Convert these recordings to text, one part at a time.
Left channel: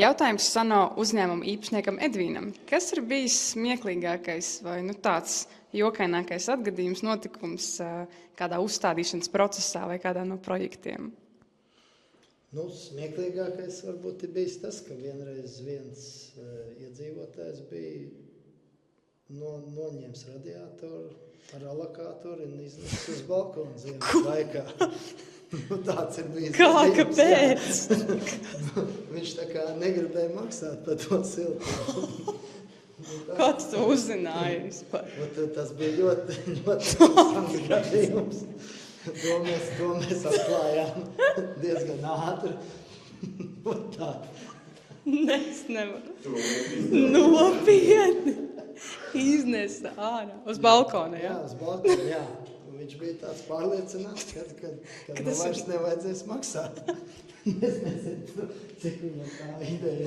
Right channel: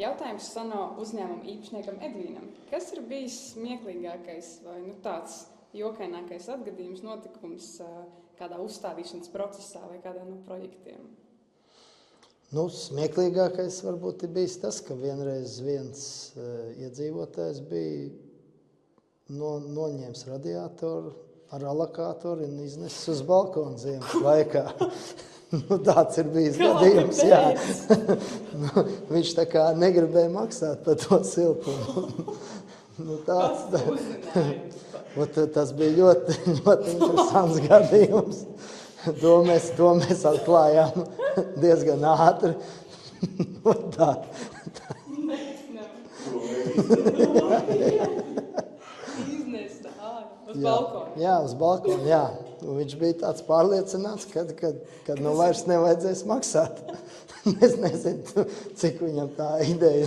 Jautājums Sano uzņēmuma īpašniekam Edvīnam. Kas ir bijis smieklīgākais vai tāds jokainākais atgadījums, notikums kādā uzstādīšanas procesā vai kādā no projektiem? Smieklīgākais varbūt ir bijis tas, ka vienreiz viens iedzīvotājs bija noņēmis radiatoru ar alokātoru un iznesis uz balkonu ziemas laikā. Tāds ir bijis gadījums. Jā. Viņš tā kā negribēja maksāt par to siltumu. Kāds to uzzināja vispār? Tas bija ļoti interesants gadījums. To mēs atklājām diezgan ātri. Es nevaru. Nopietni. Iznesa ārā uz balkonu. Jā, uz balkonu, jā. Viņš bija tāds pārliecināts, ka vairs nevajadzēs maksāt. Es nezinu, cik viņam tā ideja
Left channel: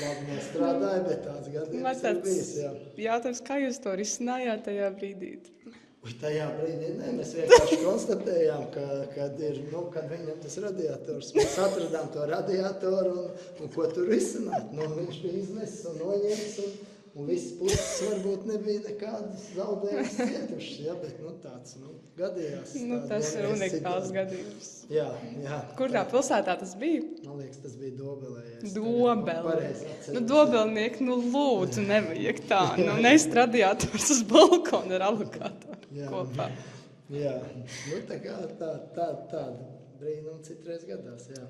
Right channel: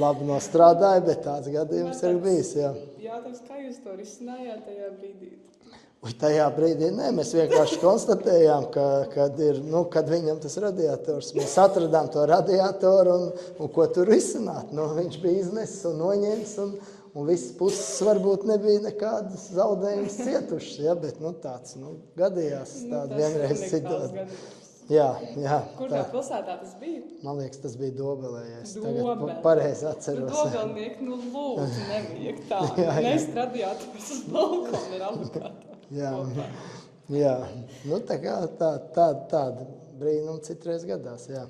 labi nostrādāja, bet tāds gadījums ir bijis. Jautājums, kā jūs to risinājāt tajā brīdī? Tajā brīdī mēs vienkārši konstatējām, kad viņam tas radiators. Mēs atradām to radiatoru un ko tur risināt. Viņš bija iznesis un noņēmis un visas puses varbūt nebija nekādas zaudējumas cietušas, bet tāds gadījās. Tas ir unikāls gadījums. Jā. Kurā pilsētā tas bija? Man liekas, tas bija Dobelē. Dobelē. Pareizi atceros. Dobelnieki, lūdzu, nevajag tā. Nest radiators uz balkonu ar alokātoru kopā. Jā. Tā kā tāda brīnuma citreiz gadās, jā.